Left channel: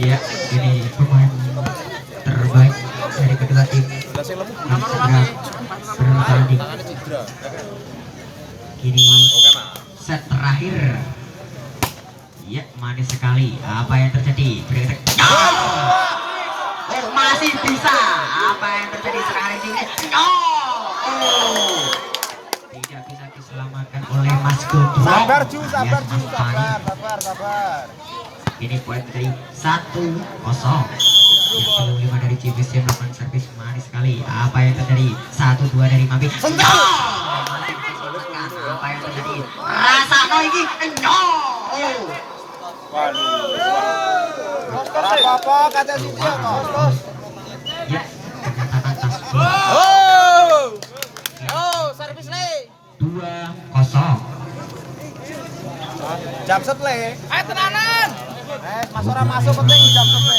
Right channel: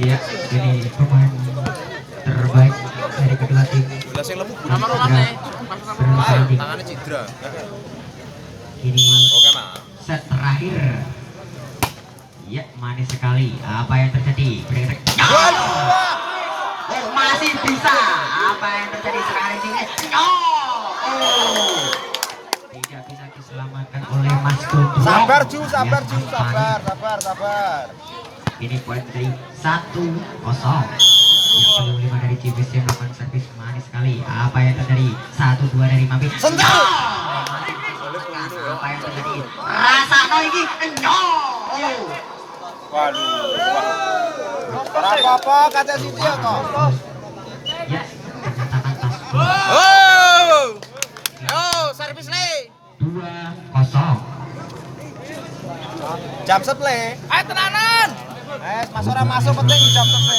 Iya, ini pemain terbaik dari kedua tim. Ini set terakhir. Ya, manis sekali. Apa yang terjadi? Oh, masih bisa. Apa yang terjadi sekarang ini? Oh, tidak bisa diselamatkan oleh Mas Gombrong. Sabar Ju, sabar. Ini poin dari 1-0. Yang kedua 5 dari CBC melakukan servis manis sekali. Apa yang terjadi? 1-2 dari Mami. Apa yang terjadi? Rasa lagi. apa kata Siti ya toh? Ya, ternyata atas. Servis le. 2-0. Jam setle. Tenanan. Masuk penting jam setle.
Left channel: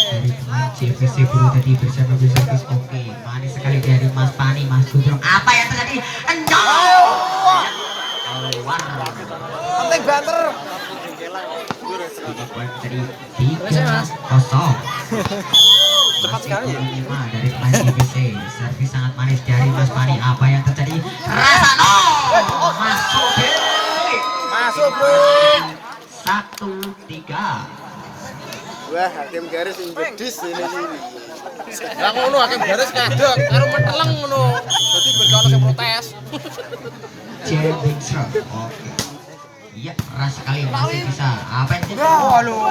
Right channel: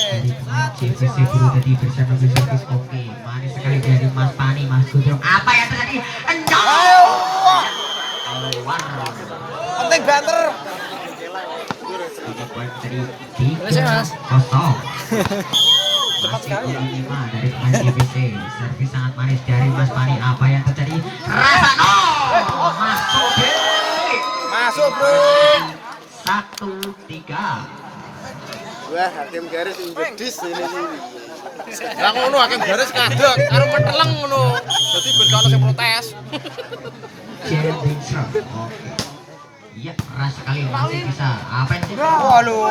CBC Guru tadi bersama servis oke. Manis sekali dari Mas Pani, Mas Gudrong. Apa yang terjadi? Penting banter. Dari 3-0. Cepat sekali. 5 dari pemain CBC. Servis sangat manis dari Mas Pani. Apa yang terjadi? Rasano masuk bro. 1-3. Wah, hakim garis jedis ini. Ya ngono hakim garis kadek karo menteleng ngono. Dadi ben kalau sing protes. Jendingsa. Oke. Iya, keras sekali masih bisa. Apa yang terjadi? Waduh.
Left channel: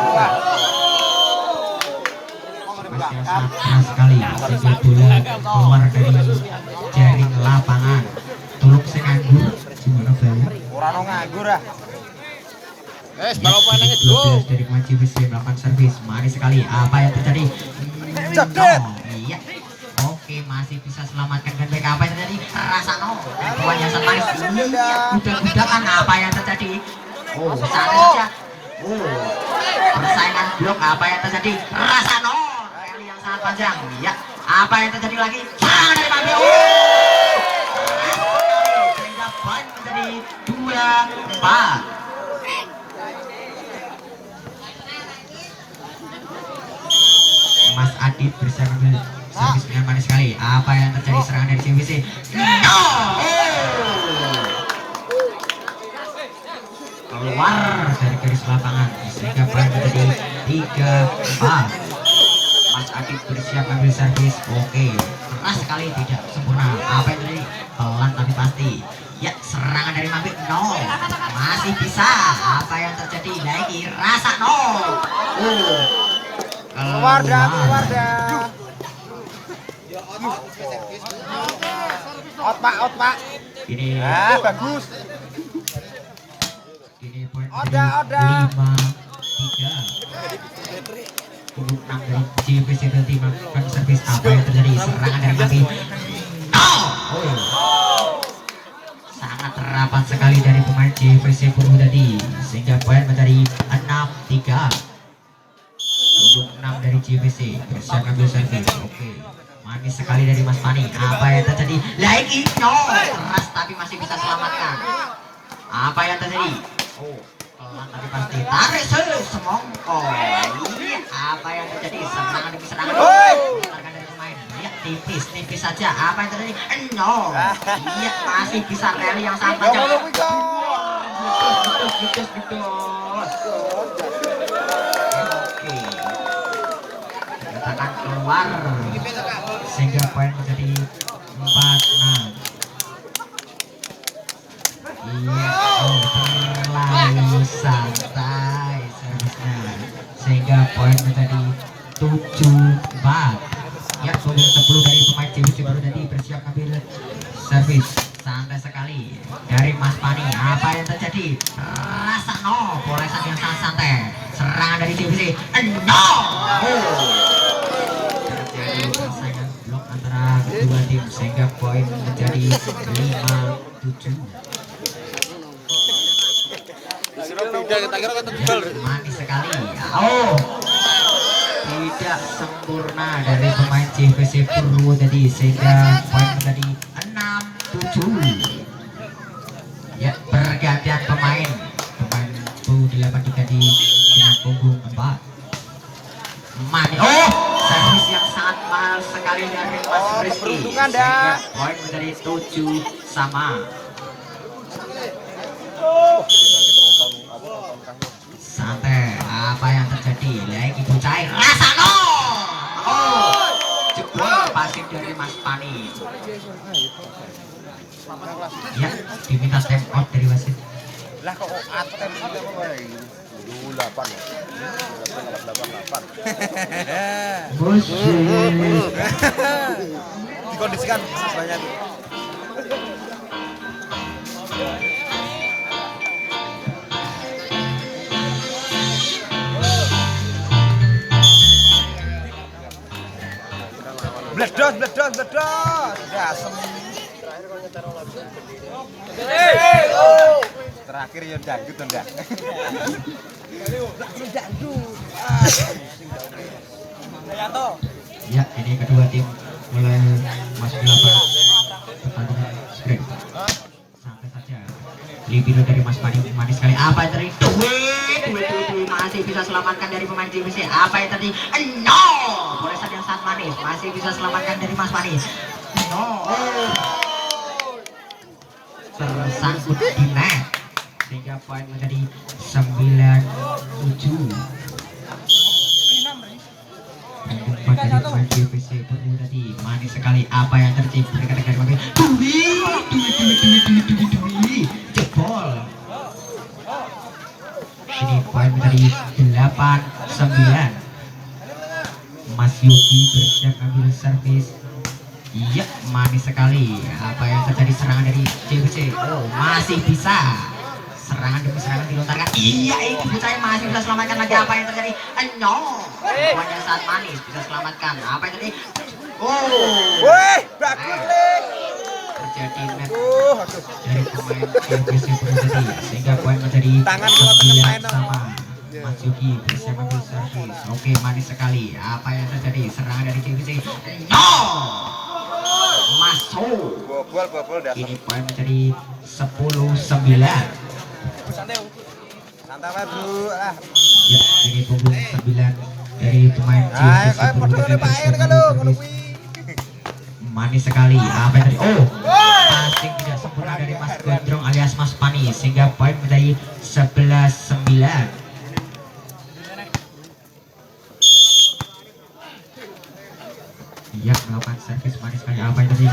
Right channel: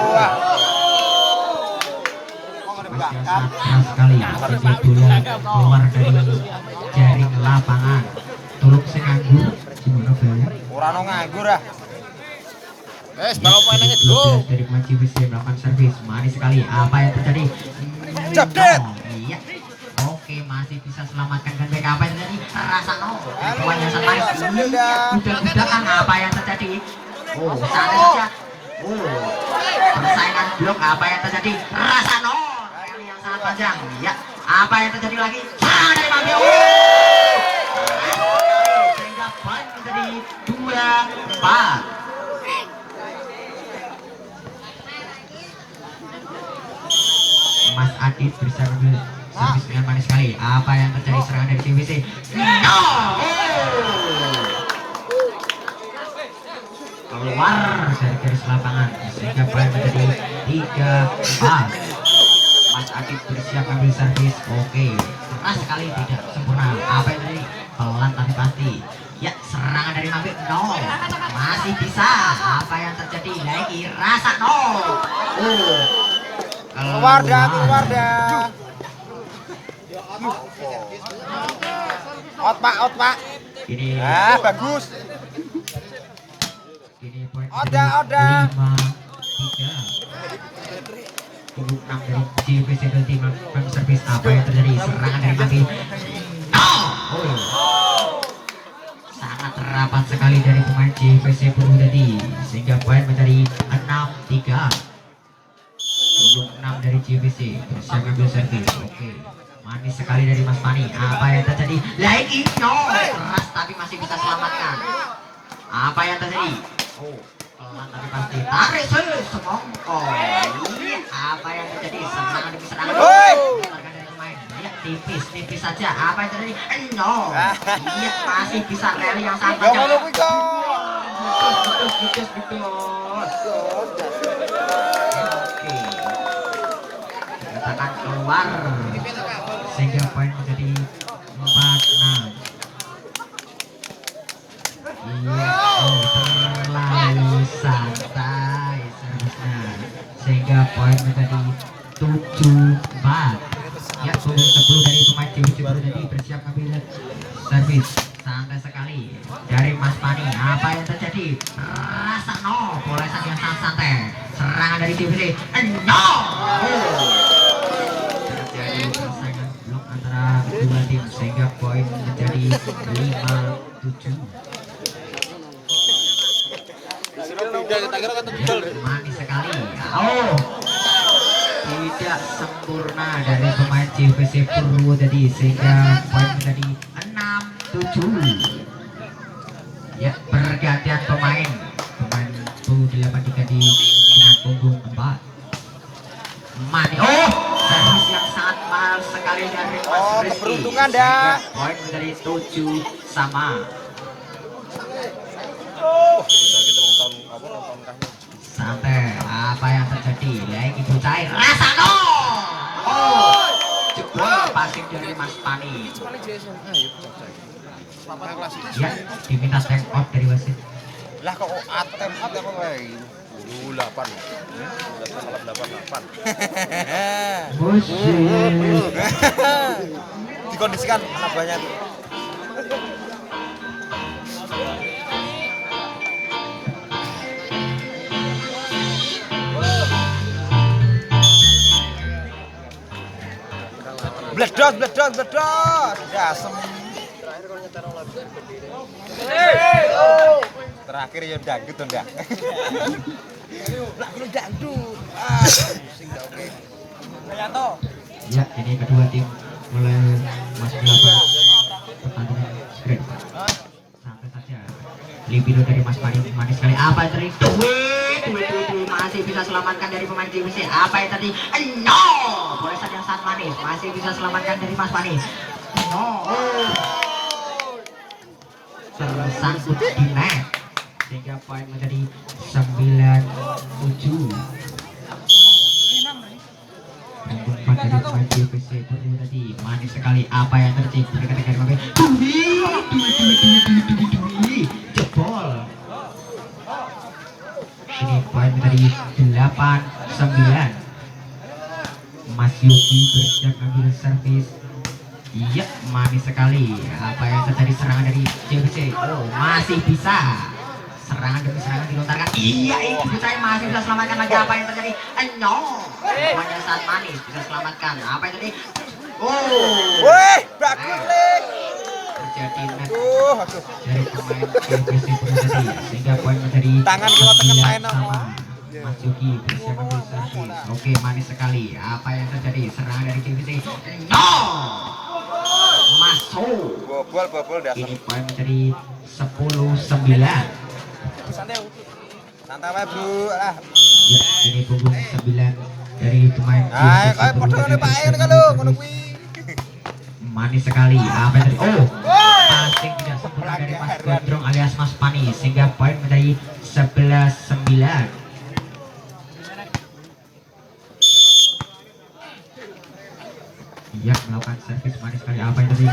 Masih sangat keras sekali. Sebuah bola keluar dari jaring lapangan. Turuk senganggur. Gimana Bel? Ora ono nganggur ah. Balapan nangis bro. Dari pemain CBC melakukan servis manis sekali. Apa yang terjadi? Jebret. Iya. Oke, masih bisa selamatkan dan baik. Apa yang terjadi? Rasa Bawahnya sangat manis. Udah-udahan apa yang terjadi? Oh, sana saja. Oh, persaingan blok. Apa yang terjadi? Rasa rally yang sangat panjang. Ya. Apa yang terjadi lagi? Serangan dari Mami. Sehingga poin menjadi 2-4. Mas Adit bersama servis dengan manis sekali. Apa yang terjadi? Serangan dari CBC. Keluar dari garis lapangan sehingga poin menjadi 3-4. Mas Adit bersiap ambil servis. Oke, keras sekali, tidak sempurna. Apa yang terjadi? Pelan tapi pasti. Ya, serangan dari Mabek masih bisa. Apa yang terjadi? Lagi rasa Keluar dah. Out pak. Ini bagus. Ini poin Oda. 5-3. 6 dari CBC berarti melakukan servis. Apa yang terjadi? Serangan dari Mami. Sangat rapat sekali dari pemain CBC Puru tadi sehingga poin menjadi 6-3. 6 dari CBC bersiap ambil servis. Oke, manis sekali dari Mas Pani. Apa yang terjadi? Lagi keras tapi masih bisa selamatkan. Apa yang terjadi? Pelan tapi pasti tarik semongko. Apa yang terjadi? Serangan demi serangan dari pemain. Lihat tipis saja. Apa yang terjadi? Lihat masih bisa rally yang sangat panjang. Betul. Akan keluar sehingga poin menjadi 4-6. Iya, terlalu santai servisnya sehingga poin menjadi 7-4. Ya, 10 dari pemain CBC baru nanti bersiap ambil servis. Santai sekali dari Mas Pani. Apa yang terjadi? Rasa polesan yang sangat santai. Serangan dari CBC. Terjadi persaingan blok antara kedua tim sehingga poin menjadi 5-7. Manis sekali. Tidak sempurna dari dari pemain JPC Purwodadi sehingga poin menjadi 6-7. Ya, pergantian pemain U83 dengan punggung 4. Mani, servis yang sangat mahal sekali dari Mas Rizky. Sehingga poin menjadi 7-sama. Santai, apa yang terjadi? Lagi bocah Rasano. Jebol passing dari Mas Pani. Ya, diminta time out dari wasit. Lah kok ATM apa kowe? 8 ya. 8. Buset. Dikondisikan sebanyak. Bledos. Dasem. Terakhir ya dangdut to, Ndak. Ya, ini kedua tim mulai masuk lapangan pertandingan sprint. Sampai saja libido dari Mas Pani manis sekali. Apa yang tadi? Duit masih bisa selamatkan dari pemain JPC. Apa yang tadi? No, goresan yang sangat manis masih bisa selamatkan dari Mas Pani. Tersangkut di net sehingga poin menjadi 9-7. Dari pemain JPC itu tadi manis sekali. Apa yang terjadi? Dekat-dekat kami. Dui jebol. Ini poin menjadi 8-9. Mas Yogi bersiap ambil servis. Iya, manis sekali. Apa yang terjadi? Serangan dari JPC. Masih bisa. Serangan demi serangan dilontarkan. Iya, ini saya masih bisa selamatkan lagi. Apa yang terjadi? No. Pada saat manis bisa selamatkan. Apa yang terjadi? Bagus. Terjadi net dari pemain JPC tadi sehingga poin menjadi 9-sama. Mas Yuki bersiap ambil servis. Oke, manis sekali. Apa yang terjadi? Serangan dari JPC. No. Masuk. Bobol dasar. Ini poin menjadi 10-9. Santai Bu. Lah. Ya, ini punggung 9 dari pemain JPC manis sekali. Apa yang tadi? Passing tidak sempurna dari Mas Gondrong alias Mas Pani sehingga poin menjadi 11-9. Iya, melakukan servis manis sekali. Apa yang tadi?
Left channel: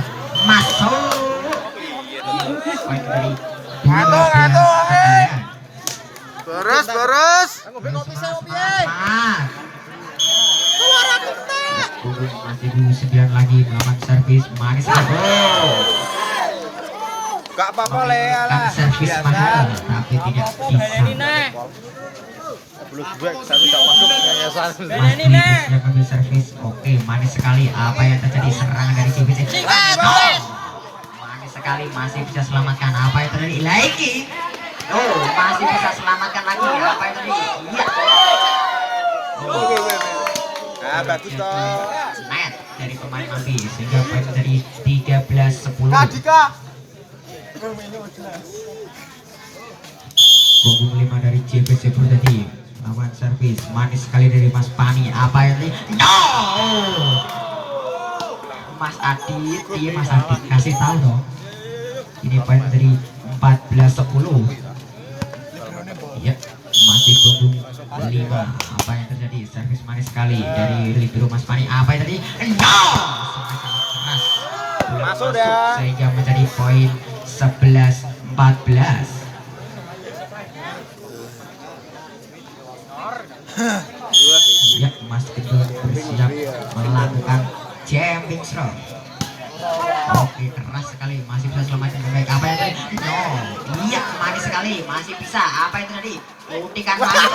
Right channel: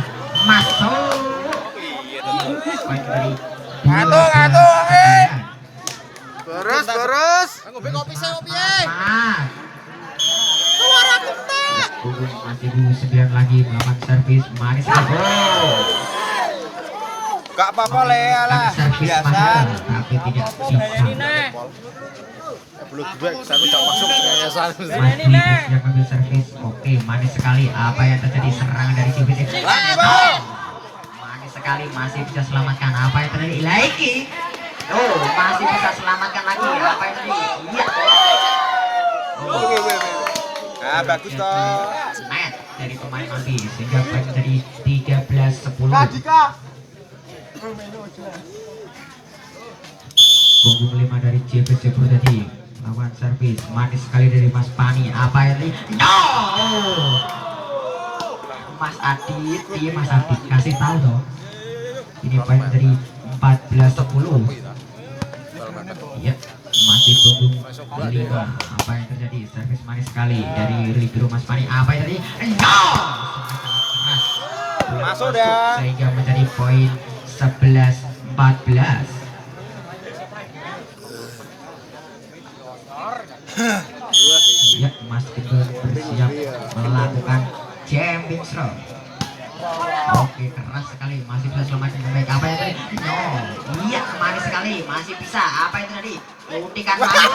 Masuk. Poin dari 12-9. Terus. Punggung masih di 9 lagi melakukan servis manis sekali. Gak apa-apa Le, Kan servis mahal tapi tidak bisa. Belum gue, saya tak masuk yayasan. Mas Dwi yang ambil servis. Oke, manis sekali. Apa yang terjadi? Serangan dari JPC. Manis sekali, masih bisa selamatkan. Apa yang terjadi? Lagi. Masih bisa selamatkan lagi. Apa yang terjadi? Iya. Bagus toh. Net dari pemain Abi sehingga poin menjadi 13-10. Punggung 5 dari JPC tadi lawan servis manis sekali dari Mas Pani. Apa yang tadi? No. Mas Adit, iya Mas Adit kasih tahu dong. Ini poin menjadi 14-10. Ya, masih punggung 5. Apa yang terjadi? Servis manis sekali dari libero Mas Pani. Apa yang tadi? No. Keras. Masuk dah. Sehingga menjadi poin 11-14. Ya, Mas Gendut bersiap melakukan jumping throw. Oke, keras sekali, masih bisa selamatkan dengan baik. Apa yang tadi? No, iya, manis sekali, masih bisa. Apa yang tadi? Suntikan manis.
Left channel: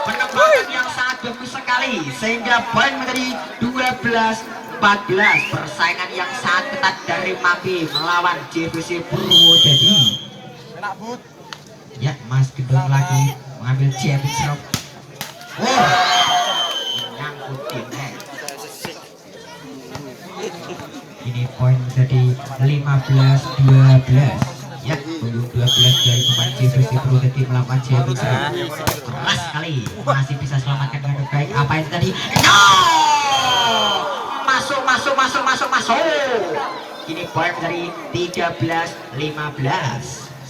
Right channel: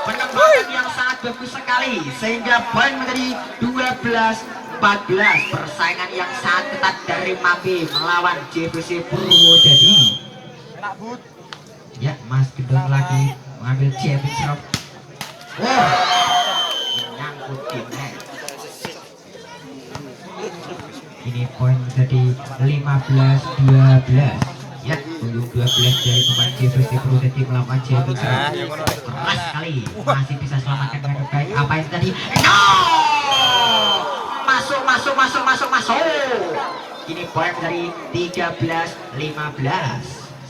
Penempatan yang sangat bagus sekali, sehingga poin menjadi 12-14. Persaingan yang sangat ketat dari Mambi melawan JPC Purwodadi. Ya, Mas Gendut lagi mengambil jumping throw. Menyangkut di net. Ini poin jadi 15-12. Ya, punggung 12 dari pemain JVC Purwodadi melawan JVC. Keras sekali, masih bisa selamatkan dengan baik. Apa itu tadi? No! Masuk. Ini poin dari 13-15.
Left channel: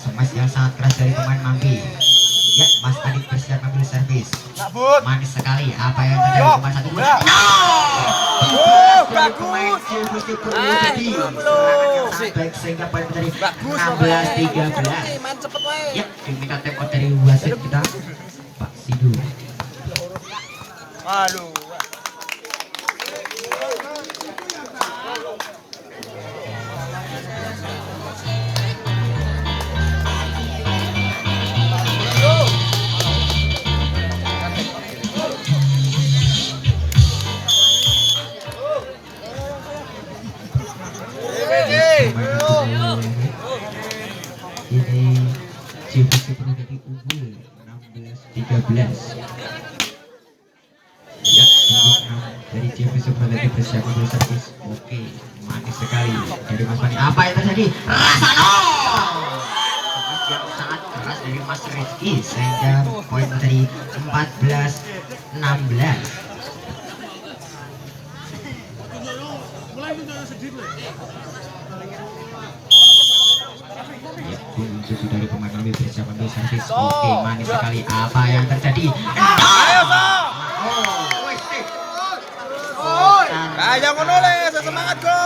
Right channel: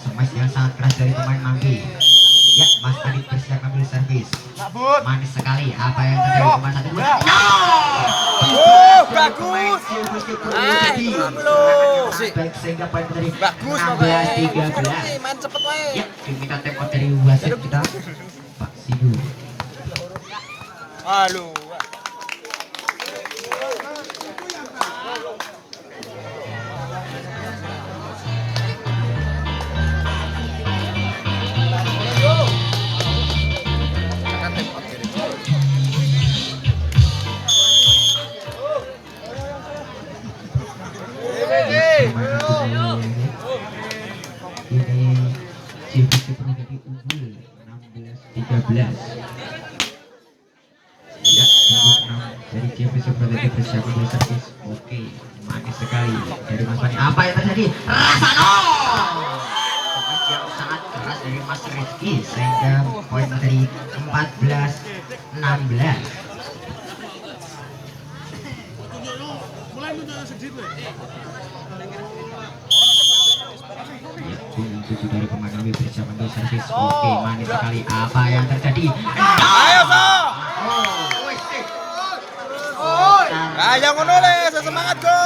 Smash yang sangat keras dari pemain Mampi. Ya, Mas Adit bersiap ambil servis. Manis sekali. Apa yang terjadi pemain satu dua? No! Dari pemain JVC Purwodadi. Serangan yang sangat baik sehingga poin menjadi 16-13. Ya, diminta tempo dari wasit kita, Pak Sidu. Halo. Ini JVC Purwodadi unggul 16-13. Ya, punggung 6 dari JVC Purwodadi bersiap untuk servis. Oke, manis sekali dari Mas Fani. Apa yang terjadi? Rasano! Servis yang sangat keras dari Mas Rizky sehingga poin menjadi 14-16. Tujuh dari pemain kami bersiap ambil servis. Oke, manis sekali. Apa yang terjadi? Ayo ngono le, semangat go.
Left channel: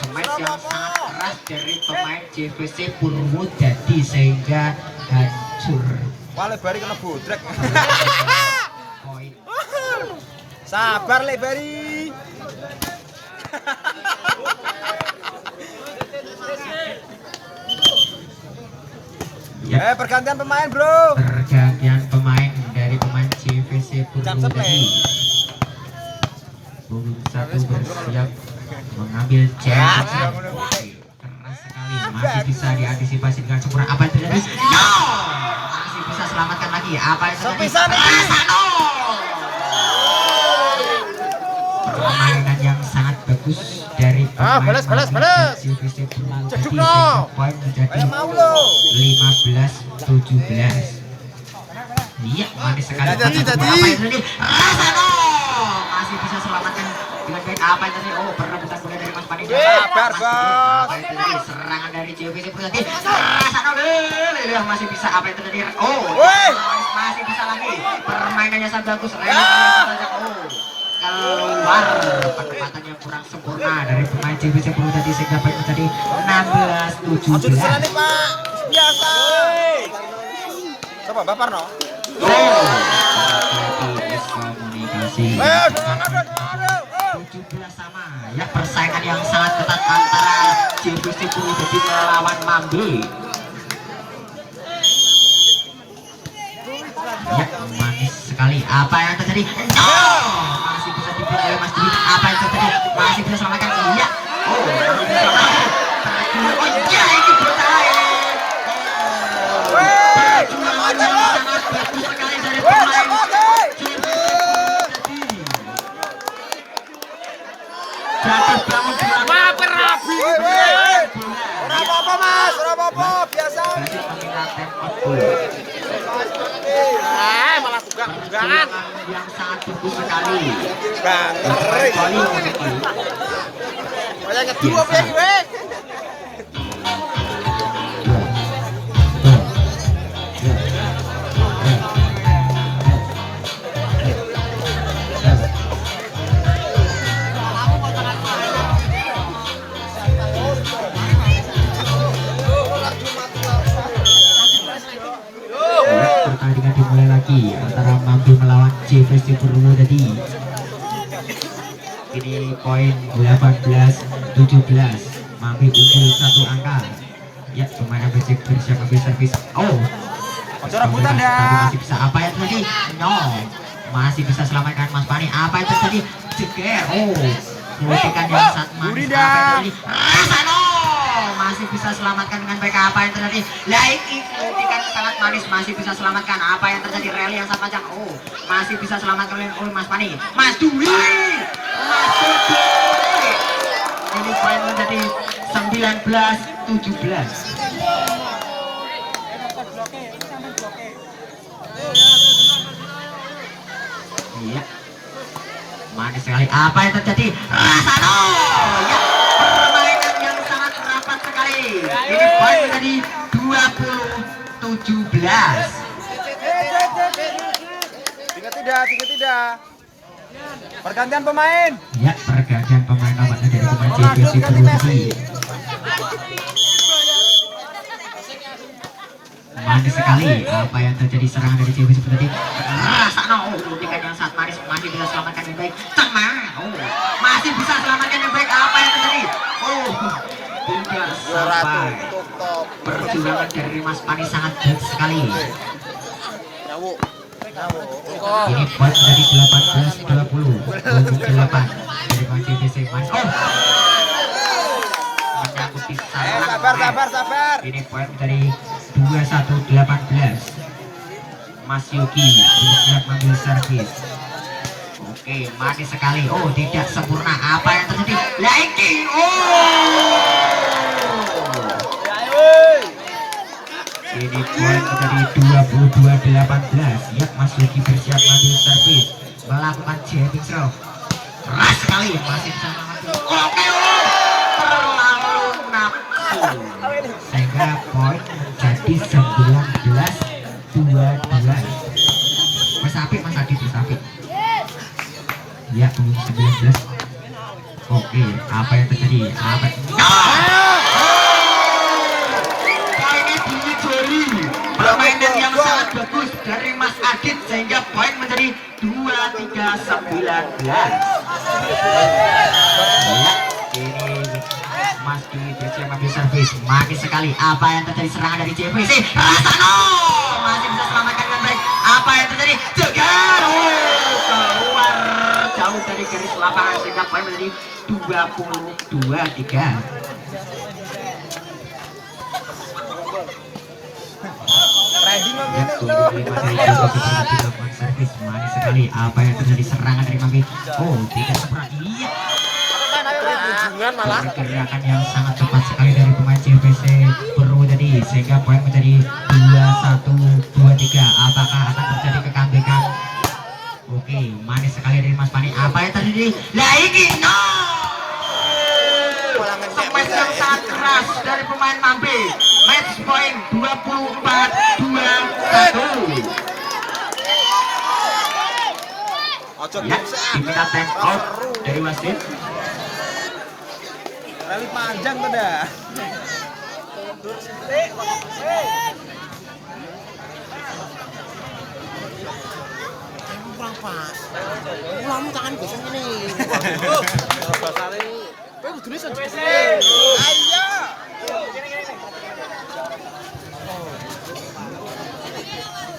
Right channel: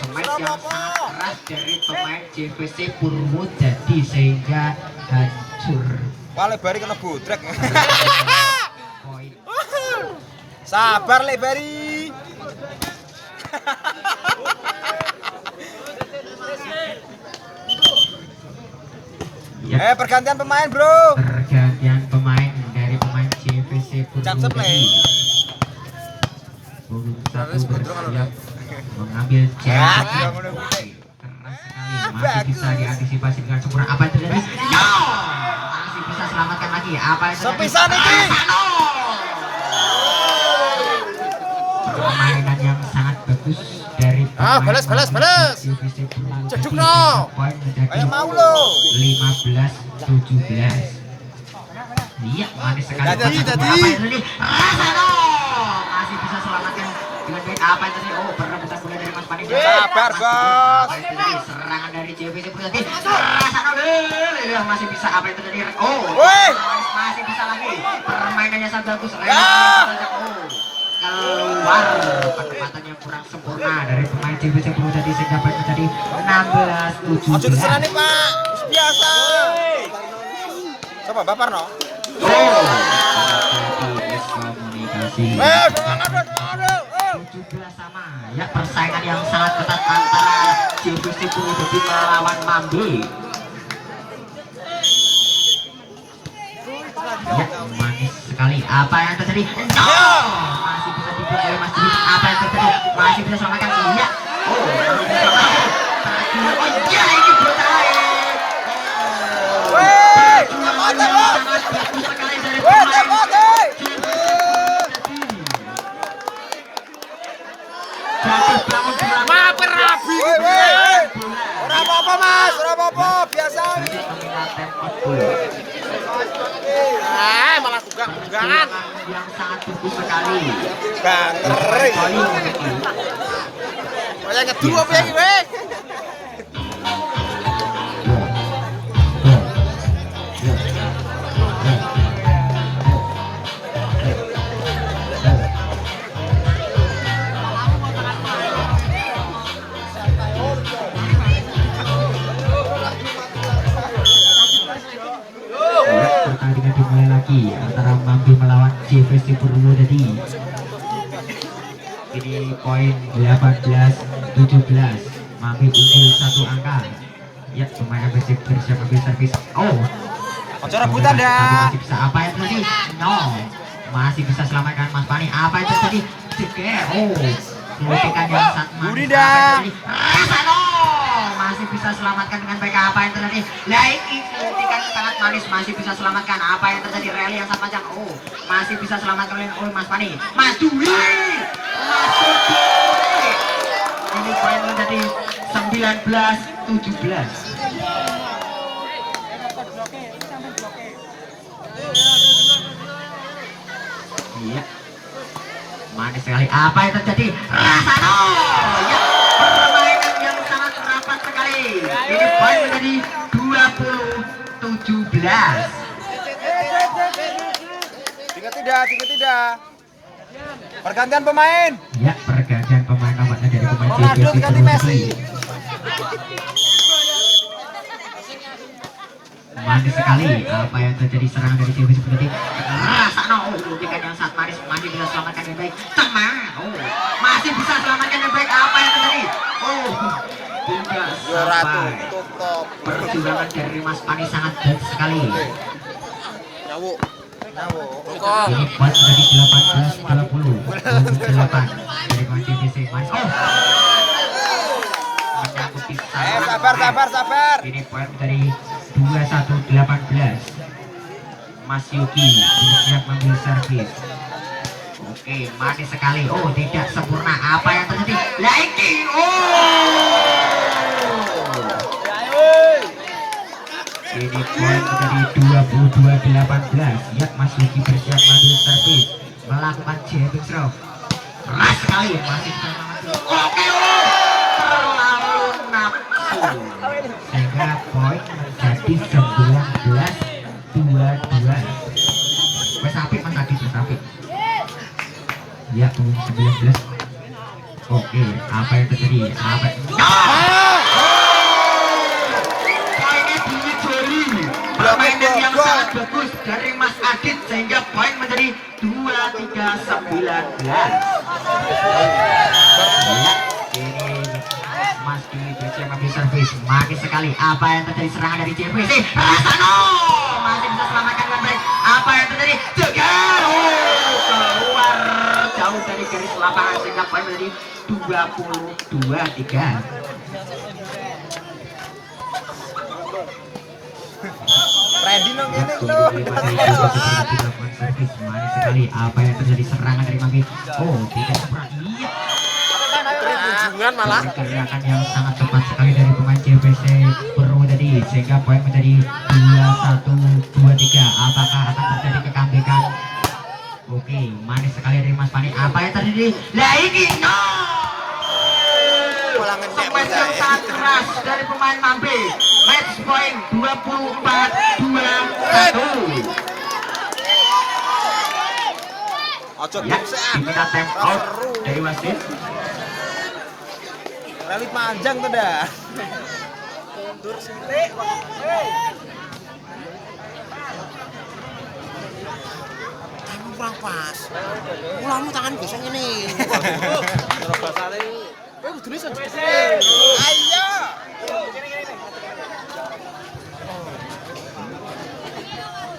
Smash yang sangat keras dari pemain JVC Purwodadi sehingga hancur. Wale bari kena bodrek. Poin. Sabar le bari. Ya, Pergantian pemain, Bro. pergantian pemain dari pemain JVC Purwodadi. Punggung 1 bersiap mengambil jab. Keras sekali, masih bisa diantisipasi dengan sempurna. Apa yang terjadi? No! Masih bisa selamatkan lagi. Apa yang terjadi? Sepisan ini. Permainan yang sangat bagus dari pemain balas. JVC Purwodadi. Ceduk no. Poin menjadi Ayo mau lo. 15-17. Iya, manis sekali. Tadi. Rasano! Masih bisa selamatkan dengan baik. Apa yang tadi? Oh, perebutan bola dari Mas Fani. Sabar, Bos. Apa yang terjadi? Serangan dari JVC Purwodadi. Rasano masih bisa. Apa yang terjadi? Oh, Woi. masih bisa lagi. Permainannya sangat bagus. Oh, keluar. Penempatan yang kurang sempurna dari pemain JVC Purwodadi sehingga poin menjadi Aja di sana 16-17. nih, Pak. Biasa. Coba Bapak no. Komunikasi. 17 sama. Ya, persaingan yang sangat ketat antara JVC Purwodadi melawan Mambi. Ya, manis sekali. Apa yang terjadi? No! Masih bisa dipilih oleh Mas Dwi. Apa yang terjadi? Masih bisa selamatkan. Iya. Oh, ya, ini bertahan. Sangat bagus sekali dari pemain. Jatuh bangun Ora apa-apa, Mas. Ora apa-apa, biasa. dari peminat tempo. Malah tunggang-tunggangan. Yang sangat bagus sekali. Bangering. Kayak ngedua apa iki, weh? Pertandingan dimulai lagi antara Mambi melawan JVC Purwodadi. Ini poin 18-17. Mambi unggul 1 angka. Ya, pemain Becek bersiap ambil servis. Oh, Ojo rebutan tapi dah. masih bisa. Apa yang terjadi? No, masih bisa selamatkan Mas Fani. Apa yang terjadi? Jeger. Oh, kritikan yang sangat manis. Budi Apa dah. yang terjadi? Rasano masih bisa selamatkan dengan baik. Apa yang terjadi? Laiki kritikan sangat manis, masih bisa selamatkan. Apa yang terjadi? Rally yang sangat panjang. Oh, masih bisa selamatkan oleh Mas Fani. Mas Dwi. 17. Iya. Manis sekali. Apa yang terjadi? Rasano. Ya, permainan yang sangat rapat sekali. Ini poin menjadi 20-17. Tiga tidak. Pergantian pemain. Ya, pergantian pemain nomornya dari pemain Ronaldo JVC ganti Messi. Manis sekali. Apa yang terjadi serangan dari JVC seperti Rasano. Hentikan yang sangat manis. Masih bisa selamatkan yang baik. Teman. Masih bisa selamatkan yang baik. Apa yang terjadi? Tidak sampai. Perjuangan dari Mas Pani sangat baik sekali. Ini poin dari 18-20 untuk 8 dari pemain JVC. Manis. Menyangkuti Sabar. Ini poin dari 21-18. Mas Yuki bersiap mengambil servis. Oke, manis sekali. Tidak sempurna. Apa yang terjadi? Lagi. Ini poin menjadi 22-18. Ya, Mas Yuki bersiap mengambil servis, melakukan jamming serve. Keras sekali. Masih bisa mengambil. Terlalu nafsu. Sehingga poin menjadi 19-22. Bersapit Mas Adi, bersapit. Ya, 19. Oke, apa yang terjadi? Ini bunyi jari. Permainan yang sangat bagus dari Mas Adit sehingga poin menjadi 23-19. Ya, ini Mas Dwi bersiap mengambil servis. Manis sekali. Apa yang terjadi? Serangan dari JVC. Rasano masih bisa selamatkan dengan baik. Apa yang terjadi? Jegal. Keluar jauh dari garis lapangan sehingga poin menjadi 22-3. Ready no Ya, gini untuk servis. Manis sekali. Apa yang terjadi? Serangan dari Novi. Tidak sempurna. Iya. Pergerakan yang sangat cepat sekali dari pemain JVC Purwodadi sehingga poin menjadi 21-23. Apakah akan terjadi kecomeback? Oke, manis sekali dari Mas Pani. Apa yang terjadi? Lagi no. Smash yang sangat keras dari pemain Mampi. Match point 24-21. Ya, diminta time out dari wasit. Kali panjang tuh dah. Kamu kurang pas. Ulangmu tangan gosong ini. Kalau basane kowe kudune senjata. Ayo.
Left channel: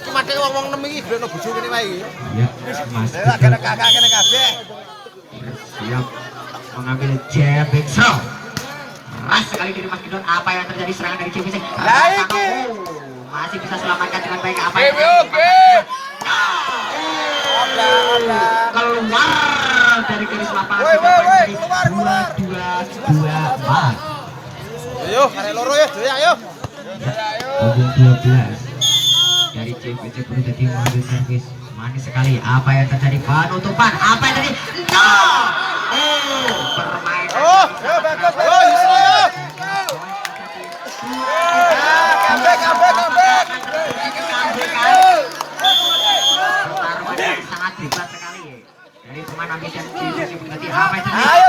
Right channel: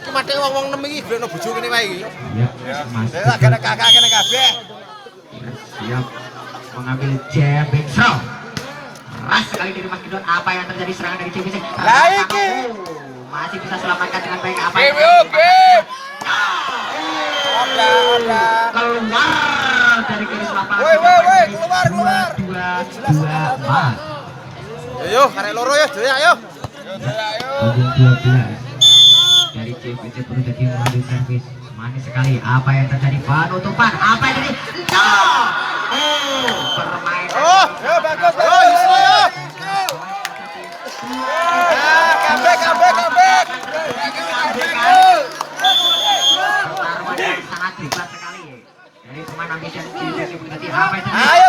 Ki mate wong-wong nem iki greno bojo kene wae. Ya, Mas. Kena kakak kena kabeh. Siap mengambil jabbing serve. Keras sekali dari Mas Gidon. Apa yang terjadi? Serangan dari JVC. Lagi. Masih bisa selamatkan dengan baik. Apa Oke. keluar dari garis lapangan. Woi, keluar. 22-24. Ayo, karek loro ya, Dek, ayo. Punggung 12 dari JVC Purwodadi mengambil servis. Manis sekali. Apa yang terjadi? Penutupan. Apa yang terjadi? No! Permainan. Ya bagus. Yo, Yusri yo. Comeback. Sangat hebat sekali dari pemain Indonesia. Apa yang terjadi? Ayo